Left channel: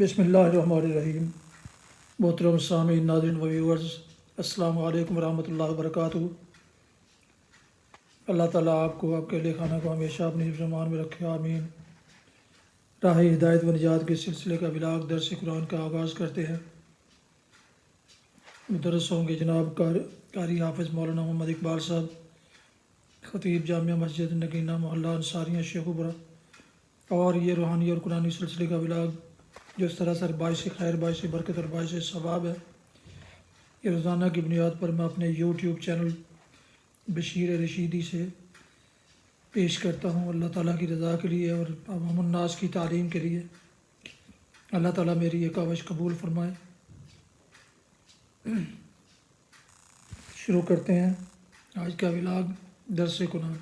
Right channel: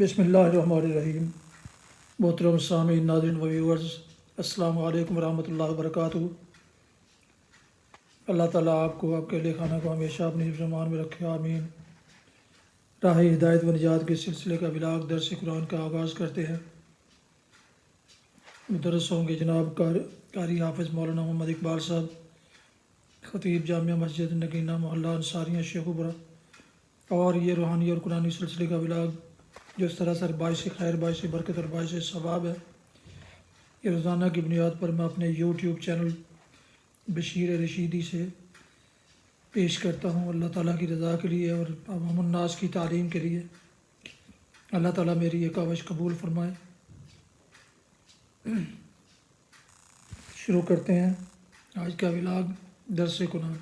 بسم اللہ الرحمن الرحیم۔ محترم سامعین، ناظرین و ویورز، السلام علیکم ورحمۃ اللہ وبرکاتہ۔ اللہ تعالیٰ آپ کو، آپ کے اہل خانہ کو ہمیشہ اپنی حفظ و امان میں رکھے، آمین۔ راہ ہدایت و نجات کے سلسلے کا بلاغ درس قرآن کا آغاز کرتے ہیں۔ مدرس ہوں گے جناب قاری حافظ مولانا محمد اقبال صاحب، خطیب جامعہ مسجد نگینہ محلہ انصاریہ شیخوپورہ، اور یہ روحانی اور قرآنی سلسلے کا بلاغ جو سراسر باعث خیر، باعث برکت اور باعث ثواب ہے، یہ روزانہ کی بنیاد پر میں اپنے یوٹیوب چینل بشیر رشیدی سے پیش کرتا ہوں، اللہ تعالیٰ کی رضا کے لیے اور عوام الناس کی تعلیم کے لیے۔ اللہ تعالیٰ میری یہ کاوش قبول فرمائے۔ شروع کرتے ہیں آج کا بلاغ درس قرآن۔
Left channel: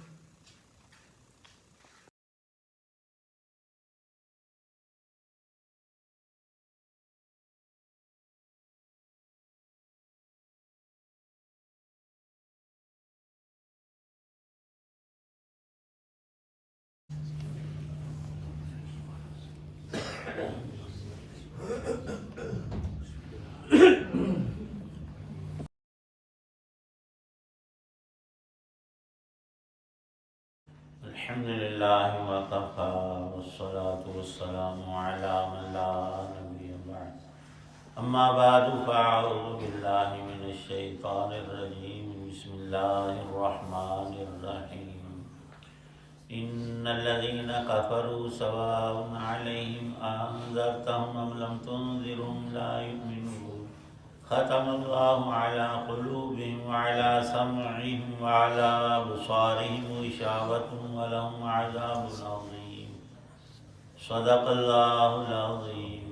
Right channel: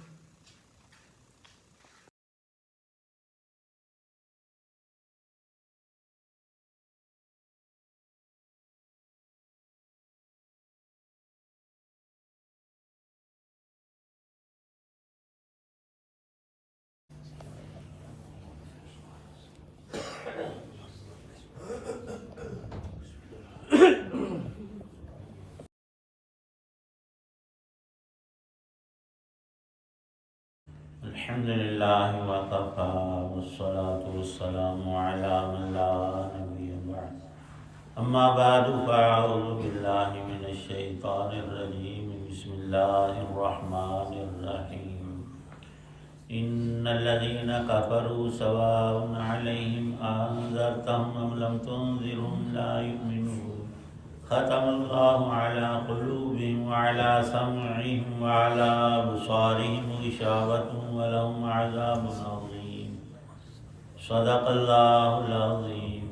الحمد للہ وکفی والصلاة والسلام علی من لا نبی بعد، اما بعد فاعوذ باللہ من الشیطان الرجیم، بسم اللہ الرحمن الرحیم۔ ان الذین کفروا سواء علیہم انذرتهم ام لم تنذرهم لا یؤمنون، ختم اللہ علی قلوبہم وعلی سمعہم وعلی ابصارہم غشاوۃ ولہم عذاب عظیم۔ صدق اللہ العظیم۔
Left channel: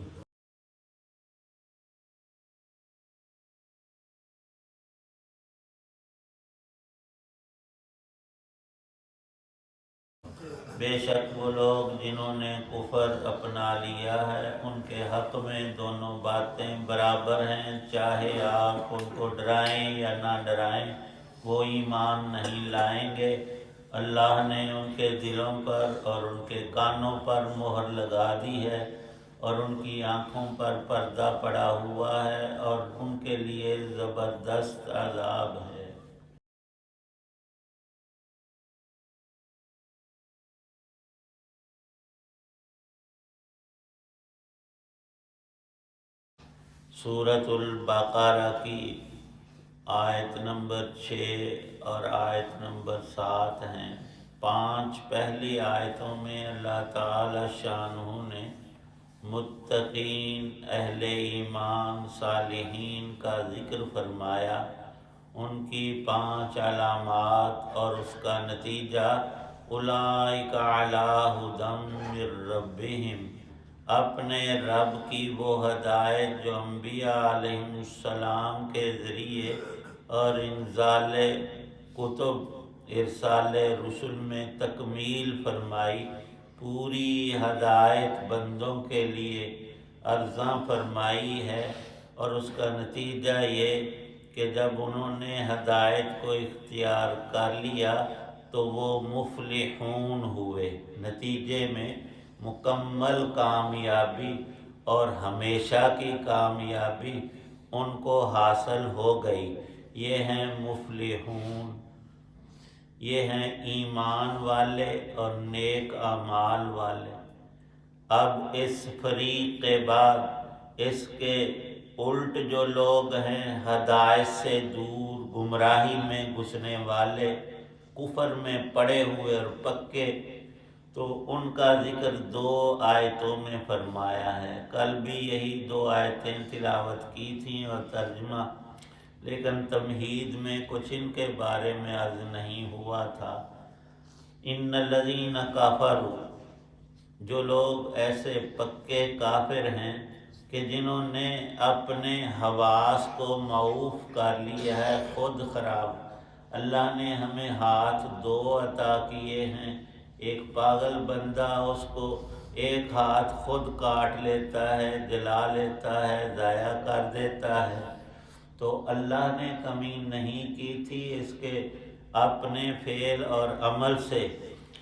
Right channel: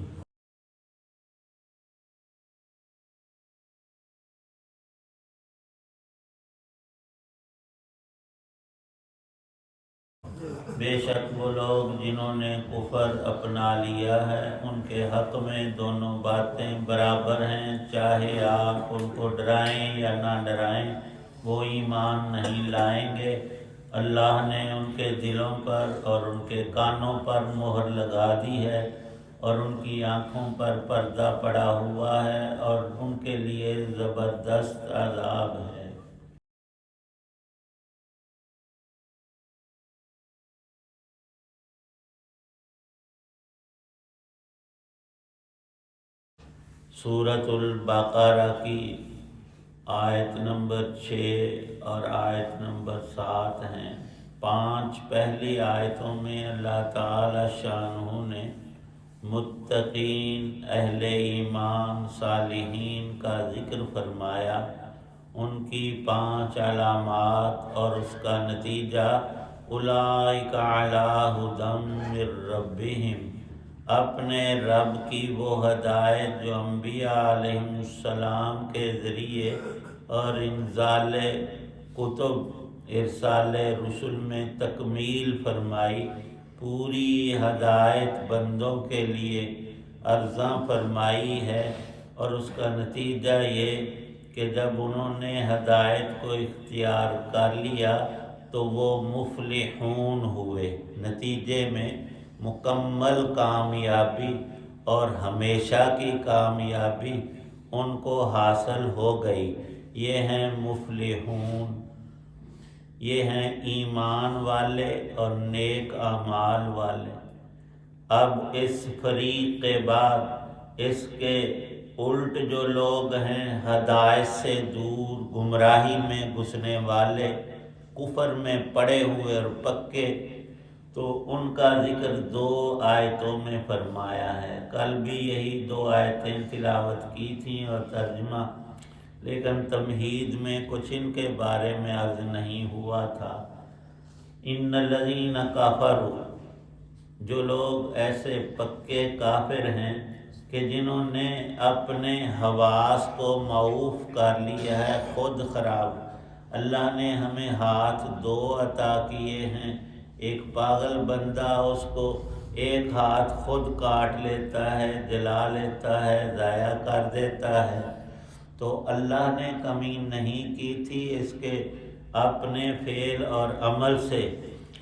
بے شک وہ لوگ جنہوں نے کفر اپنا لیا ہے، ان کے حق میں دونوں باتیں برابر ہیں، چاہے آپ ان کو ڈرائیں یا نہ ڈرائیں، وہ ایمان نہیں لائیں گے۔ اللہ نے ان کے دلوں پر اور ان کے کانوں پر مہر لگا دی ہے، اور ان کی آنکھوں پر پردہ پڑا ہوا ہے، اور ان کے لیے زبردست عذاب ہے۔ سورۃ البقرہ کی آیت نمبر 6 اور آیت نمبر 7 ہیں۔ 5 پہلی آیتوں میں اللہ تعالی شانہ نے متقین، اہل ایمان، صالحین کا ذکر فرمایا، ان کی 5 علامات اور اس کا نتیجہ اولئک علی ھدی من ربہم، اپنے رب کی وہ ہدایت جو انبیاء علیہ السلام کے ذریعے اور انزال کتب، ارسال رسل میں تکمیل فرمائی، پوری ہدایت بندوں کے لیے عرضاں فرمائی ہے۔ اور اس کا نتیجہ یہ کہ جب انہوں نے ہدایت کو اختیار کر لیا تو وہ مفلحون ہوئے، نتیجے میں مکمل کامیابی اور ہمیشہ کی کامیابی ان کو حاصل ہو گئی۔ یہ ہیں مفلحون، یہ ہیں ایمان والے اور نیک اعمال والے۔ اب اس فریق کے بعد اس کے الٹ جو لوگ ہیں، ہدایت سے دور، گمراہی میں گھسنے والے، کفر میں پڑے ہوئے اور پکے، تو ان کا ذکر 2 آیتوں میں فرمایا ہے۔ کل بھی یہی 2 آیتیں تلاوت کی تھیں اور ترجمہ، لیکن تمہید میں کچھ ان کے بارے میں عرض نہیں ہوا تھا۔ ان الذین کفروا، جو لوگ ایسے پکے کافر ہیں کہ جنہوں نے اپنے حواس کو معوف کر لیا ہے، خود خراب۔ اللہ نے ہمیں ہاتھ 2 عطا کیے ہیں، ایک پاگل بندہ اس کو ایک ہاتھ خود کاٹ لیتا ہے، جلا لیتا ہے، ضائع کر دیتا ہے۔ تو اللہ نے کمی نہیں کی تھی اس کے اپنے فعل اور عمل سے،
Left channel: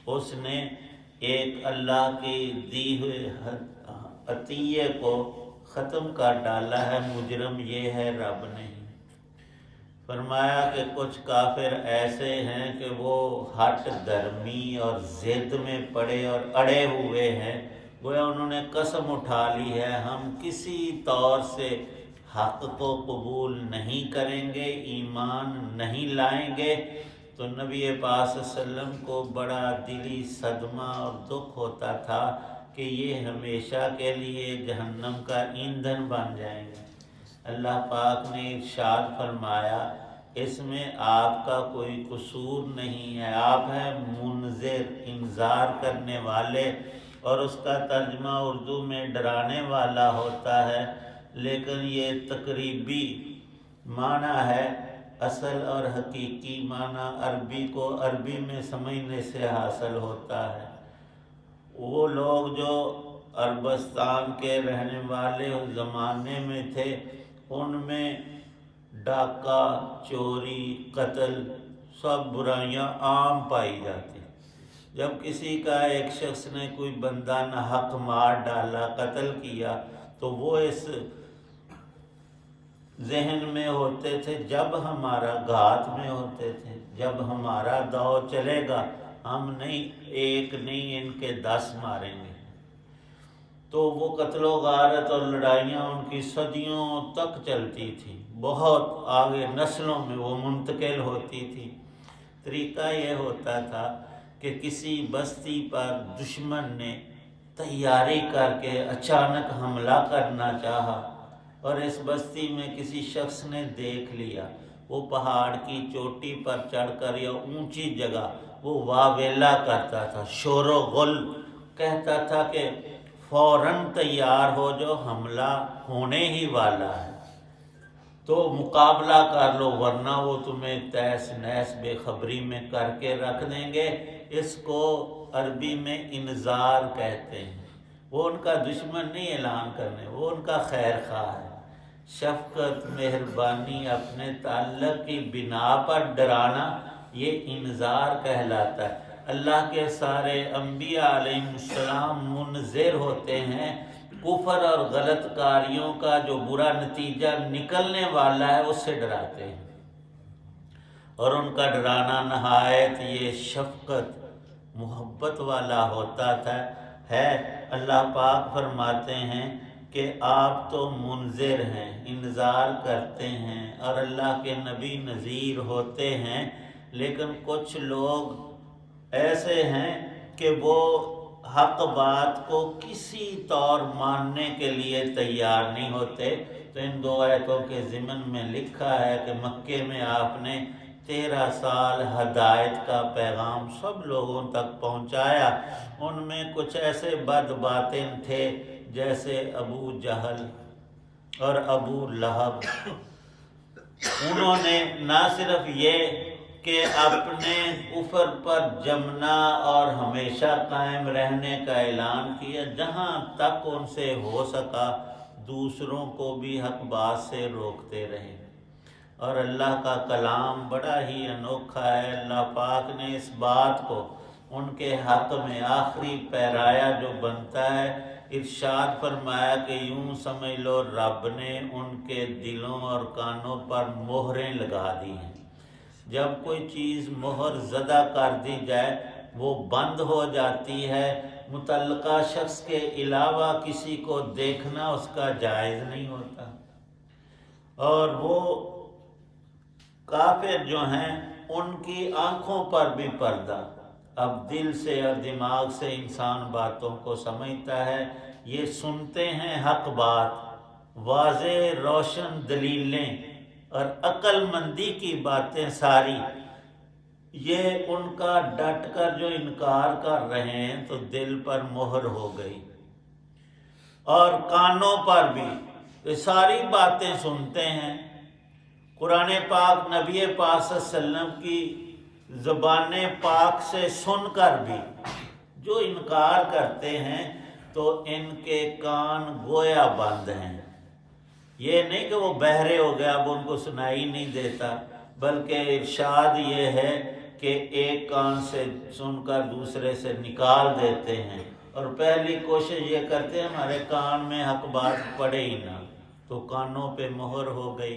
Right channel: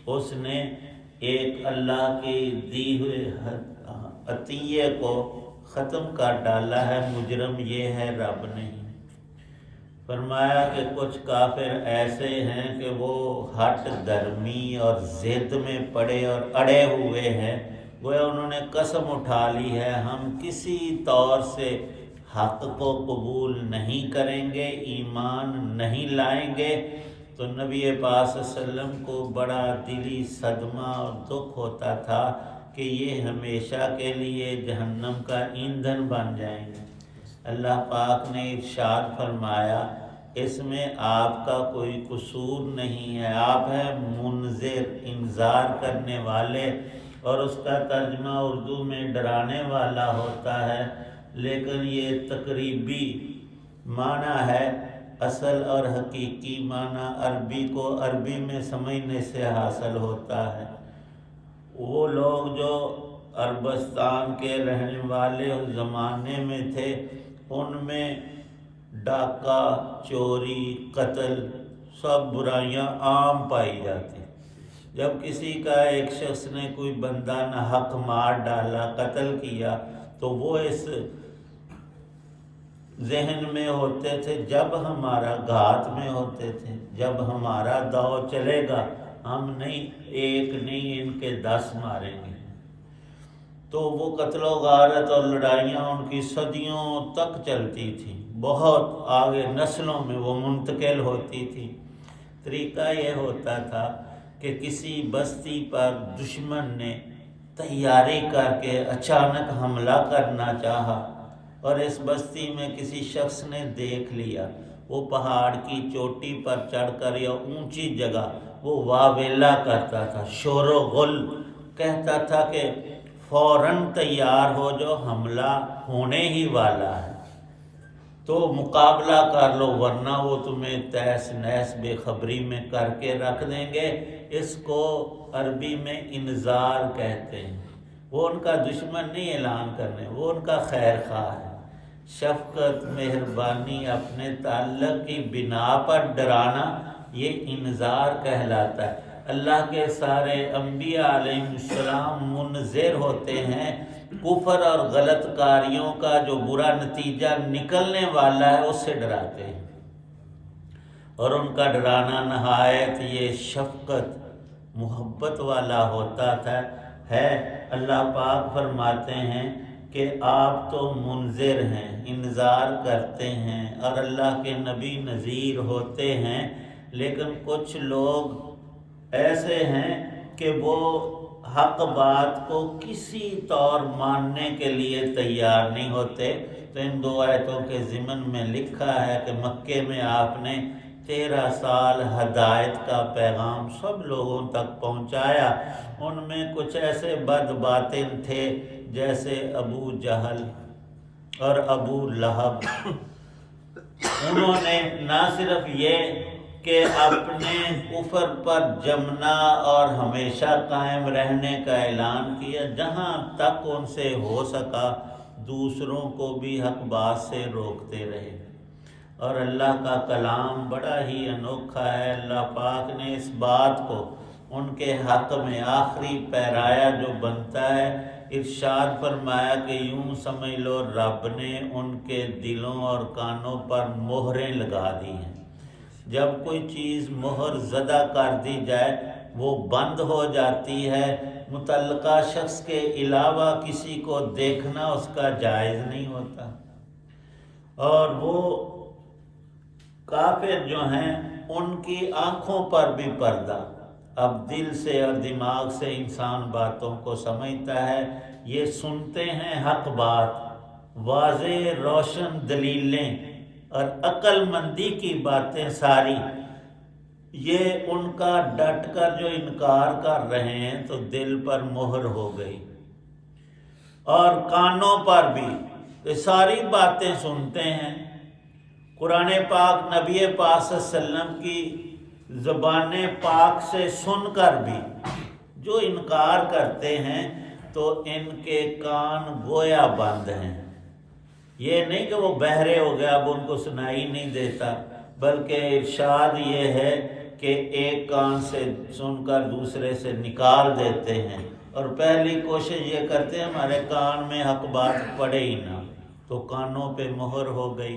اس نے ایک اللہ کی دی ہوئی عطیے کو ختم کر ڈالا ہے، مجرم یہ ہے رب نہیں۔ فرمایا کہ کچھ کافر ایسے ہیں کہ وہ ہٹ درمی اور ضد میں پڑے اور اڑے ہوئے ہیں، گویا انہوں نے قسم اٹھا لی ہے ہم کسی طور سے حق کو قبول نہیں کریں گے، ایمان نہیں لائیں گے۔ تو نبی پاک صلی اللہ علیہ وسلم کو بڑا دلی صدمہ اور دکھ ہوتا تھا کہ یہ ہمیشہ کے لیے جہنم کا ایندھن بن جائیں گے۔ اللہ پاک نے ارشاد فرمایا اس میں آپ کا کوئی قصور نہیں ہے، آپ ہیں منذر، انذار کرنے والے، اور اس کا ترجمہ اردو میں ڈرانے والا ہوتا ہے، لیکن یہ تقریبی معنی ہے، اصل اور حقیقی معنی عربی کو عربی میں سمجھنے سے حاصل ہوتا ہے۔ وہ لوگ جو عربستان کے رہنے والے زمانے میں تھے، ان میں ڈاکہ، چوری، قتل، سب برائیاں عام پائی جاتی۔ جب کسی کا ایک شخص نے کوئی بندہ ناحق مار ڈالا، قتل کیا، تو وہ اس ذہن میں ہوتے تھے جب ہمارا گھات میں ہوتے تھے، جب ہمارا داؤ چلے گا ہم نہیں ایک نہیں ان کے 10 ماریں گے۔ تو وہ قتل و غارت اور لڑائیاں ان کی صدیوں تک چلتی تھیں، بہت آگے نسلوں میں وہ منتقل ہوتی تھی۔ طریقہ یہ ہوتا تھا کہ کسی بستی پر دشمن نے تیاری کر کے اچانک حملہ کرنا چاہا، اور اس بستی میں کسی شخص نے دیکھ لیا، وہ پہاڑ کی چوٹی پر چڑھ کر یا اونچی جگہ وہ واویلا کرتا تھا، شور و غل کہتا تھا کہ فوراً تیار ہو جو حملہ ہونے ہی والا ہے، تو مقابلہ کر لو ورنہ وہ تمہیں تیس نیس بے خبری میں کر کے رکھ دیں گے۔ اس کو عربی میں انذار کہتے ہیں۔ وہ ان کا دشمن نہیں اعلان کرنے، وہ ان کا خیر خواہ ہے۔ شفقت، مہربانی، اپنے تعلق کی بنا پر ڈرانا، یہ انذار کہلاتا ہے۔ اللہ کے سارے انبیاء علیہ السلام منذر ہوتے ہیں، کفر اور غلط کاریوں کا جو برا نتیجہ نکلنے والا ہے اس سے ڈراتے ہیں، اور ان کا ڈرانا نہایت یہ شفقت، محبت والا ہوتا ہے۔ اللہ پاک فرماتے ہیں کہ آپ تو منذر ہیں، انذار کرتے ہیں، اور اللہ کے نبی نذیر ہوتے ہیں، لیکن کچھ لوگ ایسے ہیں کہ وہ حق بات کو کسی طور ماننے کے لیے تیار نہیں ہوتے۔ تو ان 2 آیتوں کے ضمن میں لکھا ہے کہ مکے میں آپ نے 13 سال ہدایت کا پیغام سب لوگوں تک پہنچایا۔ ان میں کچھ ایسے بد باطن تھے جیسے ابو جہل اور ابو لہب، انہوں نے نہ صرف یہ کہ اپنے کفر پر جمنا اور ہمیشہ قائم رہنے کا اعلان کیا، جہاں تک ان سے ہو سکا دوسروں کو بھی حق بات سے روکتے رہے۔ اور اللہ کا کلام بڑا ہی انوکھا ہے، اللہ پاک نے اس بات کو ان کے حق میں آخری پیرایا جو بنتا ہے، ارشاد فرمایا کہ یوں سمجھ لو رب نے ان کے دلوں اور کانوں پر مہریں لگا دی ہیں۔ جب کوئی چیز مہر زدہ کر دی جائے وہ بند ہو جاتی ہے، متعلقہ شخص کے علاوہ کسی کو دیکھنا اس کا جائز نہیں ہوتا۔ اور وہ کافر جو ہیں ان کی آنکھوں پر بھی پردہ، اب دل سے اور دماغ سے انسان باتوں کو سمجھتا ہے، یہ سنتے ہیں حق بات، واضح روشن دلیلیں اور عقل مندی کی باتیں ساری، یہ ان کا ڈٹ کر جو انکار کر رہے ہیں تو دل پر مہر ہو گئی، اور کانوں پر بھی یہ ساری باتیں سنتے ہیں۔ قرآن پاک نبی پاک صلی اللہ علیہ وسلم کی زبان پاک سے سن کر بھی جو انکار کرتے ہیں تو ان کے کان گویا بند ہیں۔ یہ نہیں کہ وہ بہرے ہو گئے اب ان کو سنائی نہیں دیتا، بلکہ ارشاد یہ ہے کہ ایک کان سے سن کر دوسرے سے نکال دیتے ہیں، اور پہلی کوشش یہ کرتے ہیں ہمارے کان میں حق بات پڑے ہی نہ، تو کانوں پہ مہر ہو گئی۔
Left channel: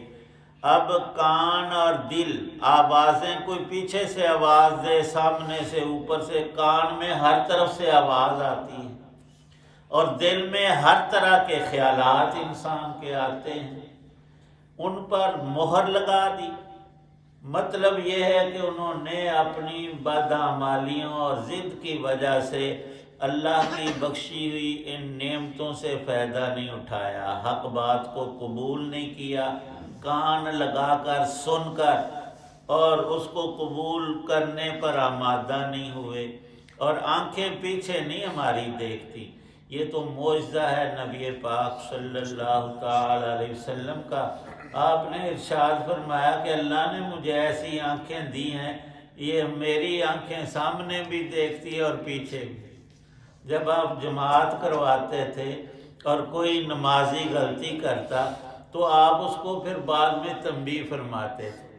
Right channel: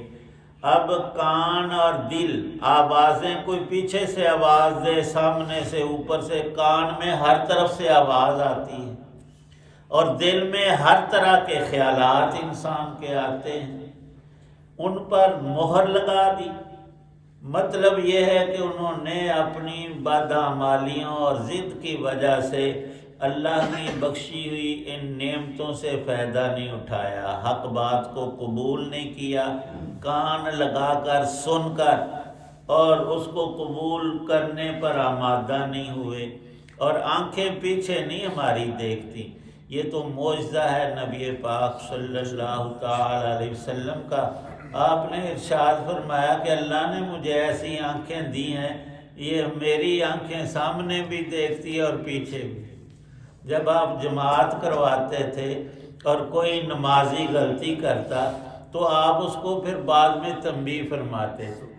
اب کان اور دل، آوازیں کوئی پیچھے سے آواز دے، سامنے سے، اوپر سے، کان میں ہر طرف سے آواز آتی ہے اور دل میں ہر طرح کے خیالات انسان کے آتے ہیں، ان پر مہر لگا دی۔ مطلب یہ ہے کہ انہوں نے اپنی بدعمالیوں اور ضد کی وجہ سے اللہ کی بخشی ہوئی ان نعمتوں سے فائدہ نہیں اٹھایا، حق بات کو قبول نہیں کیا، کان لگا کر سن کر اور اس کو قبول کرنے پر آمادہ نہیں ہوئے، اور آنکھیں پیچھے نہیں ہماری دیکھتی۔ یہ تو معجزہ ہے نبی پاک صلی اللہ تعالی علیہ وسلم کا۔ آپ نے ارشاد فرمایا کہ اللہ نے مجھے ایسی آنکھیں دی ہیں، یہ میری آنکھیں سامنے بھی دیکھتی اور پیچھے بھی۔ جب آپ جماعت کرواتے تھے اور کوئی نمازی غلطی کرتا تو آپ اس کو پھر بعد میں تنبیہ فرماتے تھے،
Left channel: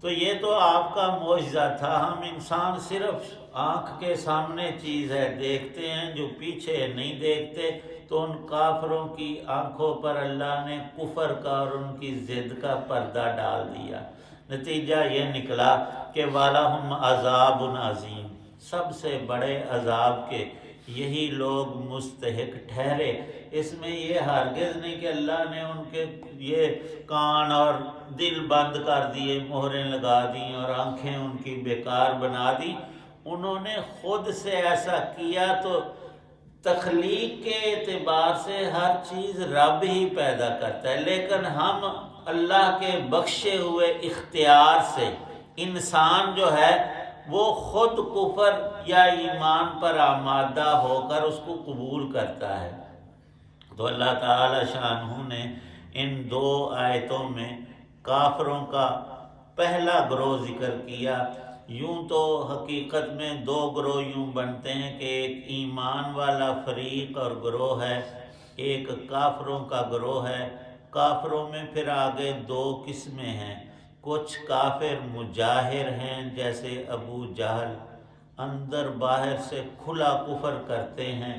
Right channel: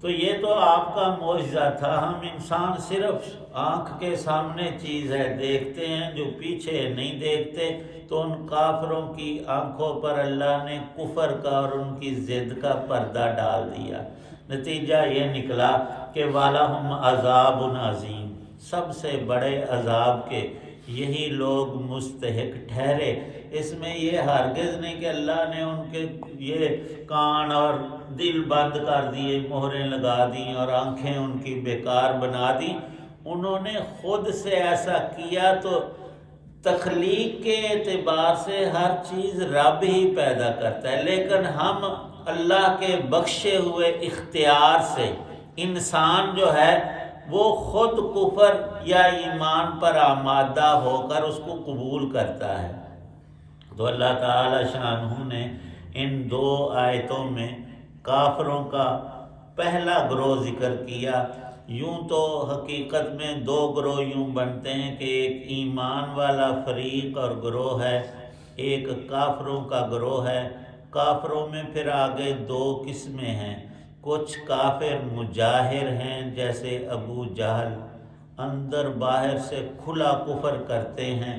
تو یہ تو آپ کا معجزہ تھا۔ ہم انسان صرف آنکھ کے سامنے چیز ہے دیکھتے ہیں، جو پیچھے نہیں دیکھتے، تو ان کافروں کی آنکھوں پر اللہ نے کفر کا اور ان کی ضد کا پردہ ڈال دیا۔ نتیجہ یہ نکلا کہ وَلَهُمْ عَذَابٌ عَظِيمٌ، سب سے بڑے عذاب کے یہی لوگ مستحق ٹھہرے۔ اس میں یہ ہرگز نہیں کہ اللہ نے ان کے یہ کان اور دل بند کر دیے، مہریں لگا دیں اور آنکھیں ان کی بیکار بنا دیں۔ انہوں نے خود سے ایسا کیا، تو تخلیق کے اعتبار سے ہر چیز رب ہی پیدا کرتا ہے، لیکن ہم اللہ کے بخشے ہوئے اختیار سے، انسان جو ہے وہ خود کفر یا ایمان پر آمادہ ہو کر اس کو قبول کرتا ہے۔ تو اللہ تعالی شانہ نے ان دو آیتوں میں کافروں کا پہلا گروہ ذکر کیا۔ یوں تو حقیقت میں دو گروہ یوں بنتے ہیں کہ ایک ایمان والا فریق اور گروہ ہے، ایک کافروں کا گروہ ہے۔ کافروں میں پھر آگے دو قسمیں ہیں، کچھ کافر مجاہر ہیں جیسے ابو جہل، اندر باہر سے کھلا کفر کرتے ہیں،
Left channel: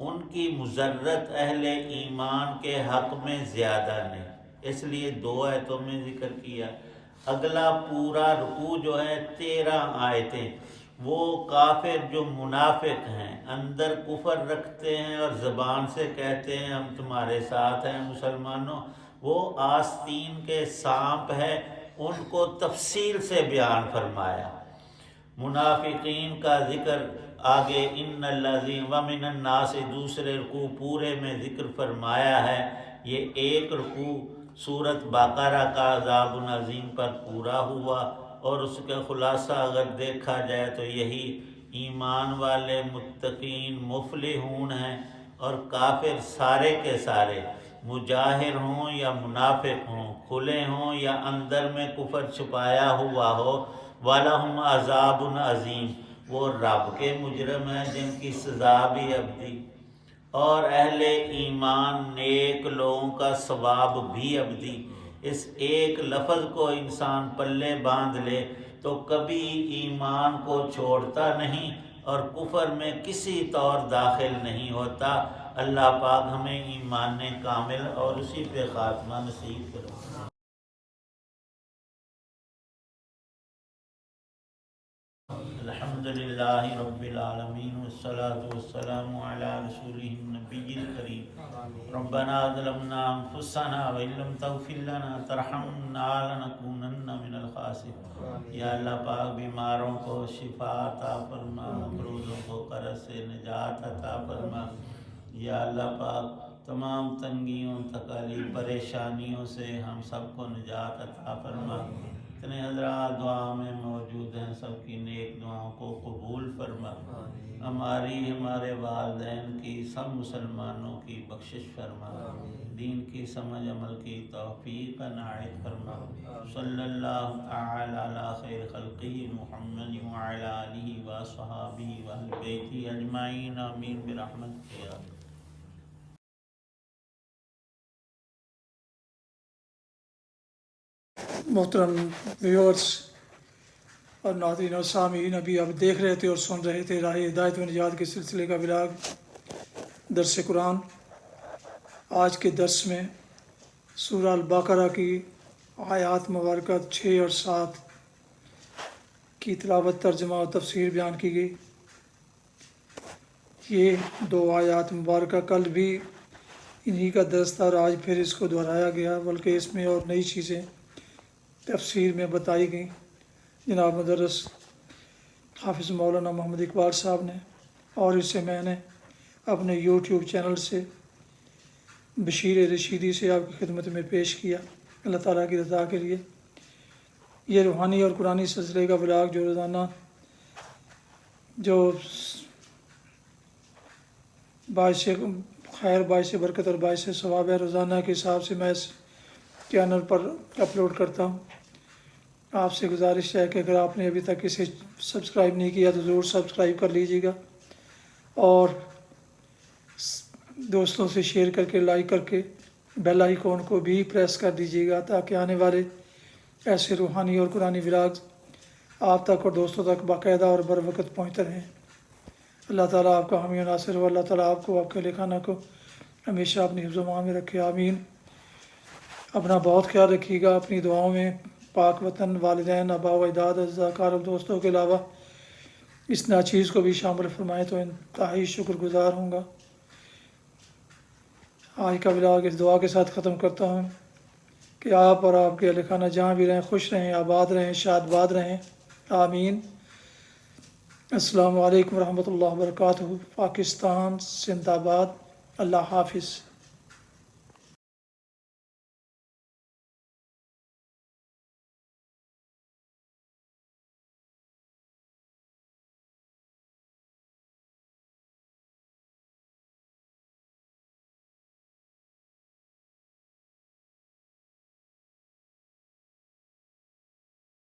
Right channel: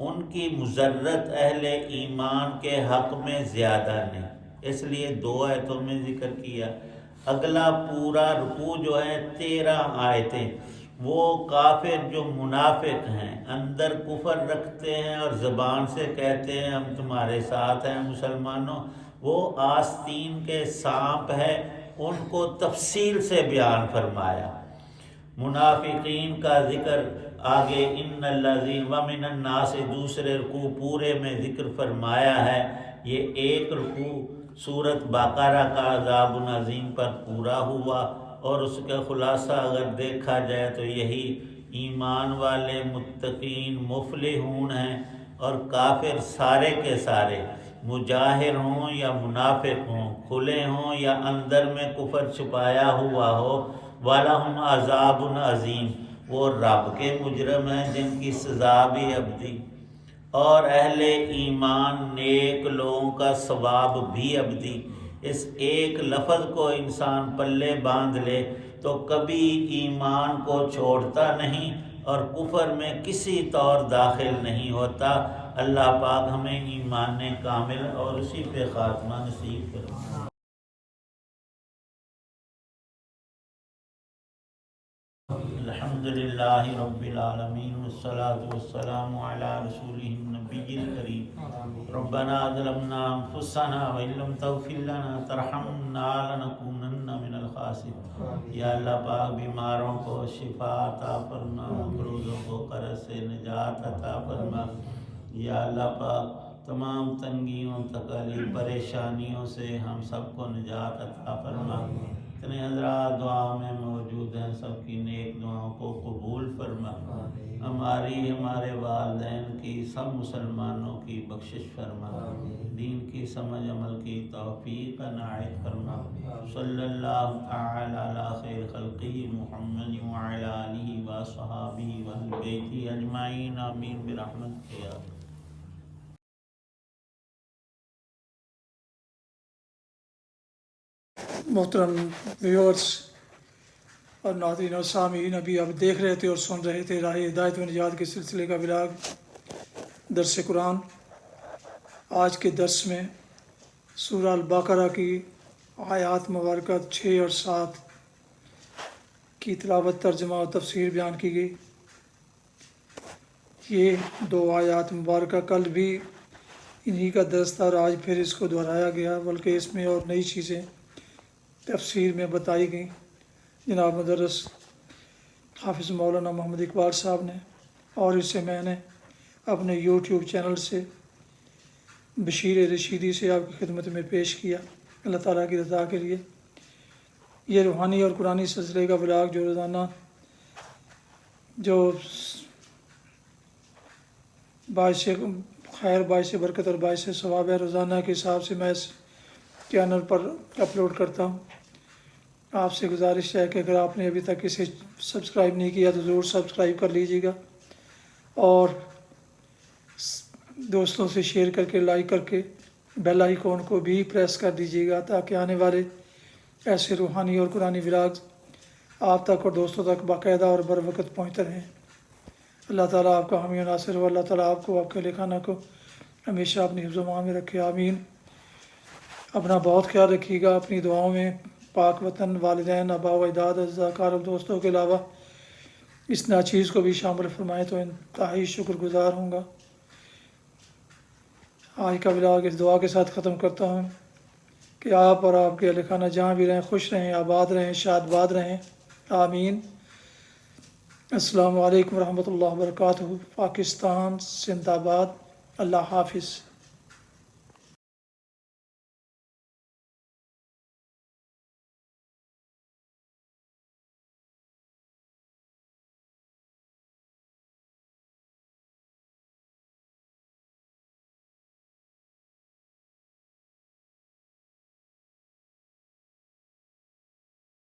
ان کی مضرت اہل ایمان کے حق میں زیادہ نہیں، اس لیے دو آیتوں میں ذکر کیا۔ اگلا پورا رکوع جو ہے 13 آیتیں، وہ کافر جو منافق ہیں، اندر کفر رکھتے ہیں اور زبان سے کہتے ہیں ہم تمہارے ساتھ ہیں مسلمانوں، وہ آستین کے سانپ ہے، ان کو تفصیل سے بیان فرمایا۔ منافقین کا ذکر آگے ان الذین ومن الناس دوسرے رکوع پورے میں ذکر فرمایا ہے۔ یہ ایک رکوع سورۃ بقرہ کا عذاب عظیم پر پورا ہوا، اور اس کا خلاصہ اگر دیکھا جائے تو یہی ایمان والے متقین مفلحون ہیں، اور کافر سارے کے سارے مجاہر ہوں یا منافق ہوں، کھلے ہوں یا اندر میں کفر چھپایا ہوا ہو، وَلَهُمْ عَذَابٌ عَظِيمٌ، وہ رب کے مجرم ہیں جن کی سزا بھی ابدی، اور اہل ایمان نیک لوگوں کا ثواب بھی ابدی۔ اس ایک لفظ کو انسان پلے باندھ لے تو کبھی ایمان کو چھوڑتا نہیں اور کفر میں کسی طور داخل نہیں ہوتا۔ اللہ پاک ہمیں ایمان کامل اور اسی پہ خاتمہ نصیب فرمائے۔ الحمدللہ رب العالمین والصلاة والسلام علی رسولہ النبی الکریم۔ ربنا ظلمنا انفسنا وان لم تغفر لنا ترحمنا لنکونن من الخاسرین۔ یا اللہ پاک بیماروں کو شفا عطا فرما، مقروضوں کو قرض سے نجات عطا فرما۔ یا اللہ پاک تمام تنگیوں، تکالیف، پریشانیوں سے ہم سب کو نجات عطا فرما۔ اتنے حضرات دعا میں موجود ہیں، سب کی نیک دعاؤں کو قبول فرما۔ ہماری، ہمارے والدین کی، سب مسلمانوں کی بخشش فرما۔ دین کی سمجھ عمل کی توفیق عنایت فرما۔ صلی اللہ تعالی علی خیر خلقہ محمد وعلی آلہ وصحابہ واہل بیتہ اجمعین، آمین برحمتک یا اللہ۔ محترم ویورز، اور ناظرین اور سامعین ابھی آپ دیکھ رہے تھے اور سن رہے تھے راہ ہدایت و نجات کے سلسلے کا ولاگ درس قرآن۔ آج کے درس میں سورہ البقرہ کی آیات مبارکہ 6 اور 7 کی تلاوت، ترجمہ اور تفسیر بیان کی گئی۔ یہ 2 آیات مبارکہ کل بھی انہی کا درس تھا اور آج پھر اس کو دہرایا گیا، بلکہ اس میں اور نئی چیزیں تفسیر میں بتائی گئیں جناب مدرس حافظ مولانا محمد اقبال صاحب نے، اور اسے میں نے اپنے یوٹیوب چینل سے بشیر رشیدی سے آپ کی خدمت میں پیش کیا، اللہ تعالیٰ کی رضا کے لیے۔ یہ روحانی اور قرآنی سلسلے کا ولاگ جو روزانہ جو باعث خیر، باعث برکت اور باعث ثواب ہے، روزانہ کے حساب سے میں اس چینل پر اپلوڈ کرتا ہوں۔ آپ سے گزارش ہے کہ اگر آپ نے ابھی تک اسے سبسکرائب نہیں کیا تو ضرور سبسکرائب کر لیجیے گا، اور دوستوں سے شیئر کر کے، لائک کر کے بیل آئیکن کو بھی پریس کر دیجیے گا، تاکہ آنے والے ایسے روحانی اور قرآنی ولاگز آپ تک اور دوستوں تک باقاعدہ اور بر وقت پہنچتے رہیں۔ اللہ تعالیٰ آپ کا حامی و ناصر ہو، اللہ تعالیٰ آپ کو، آپ کے لکھانہ کو ہمیشہ اپنی حفظ و امان میں رکھے، آمین۔ اپنا بہت خیال رکھیے گا، اپنی دعاؤں میں پاک وطن، والدین، آباء و اجداد، اعزاء اور دوستوں کے علاوہ اس ناچیز کو بھی شامل فرمائیں تو انتہائی شکر گزار ہوں گا۔ آج کا ولاگ اس دعا کے ساتھ ختم کرتا ہوں کہ آپ اور آپ کے اہل خانہ جہاں بھی رہیں خوش رہیں، آباد رہیں، شاد باد رہیں، آمین۔ السلام علیکم ورحمۃ اللہ وبرکاتہ۔ پاکستان زندہ باد۔ اللہ حافظ۔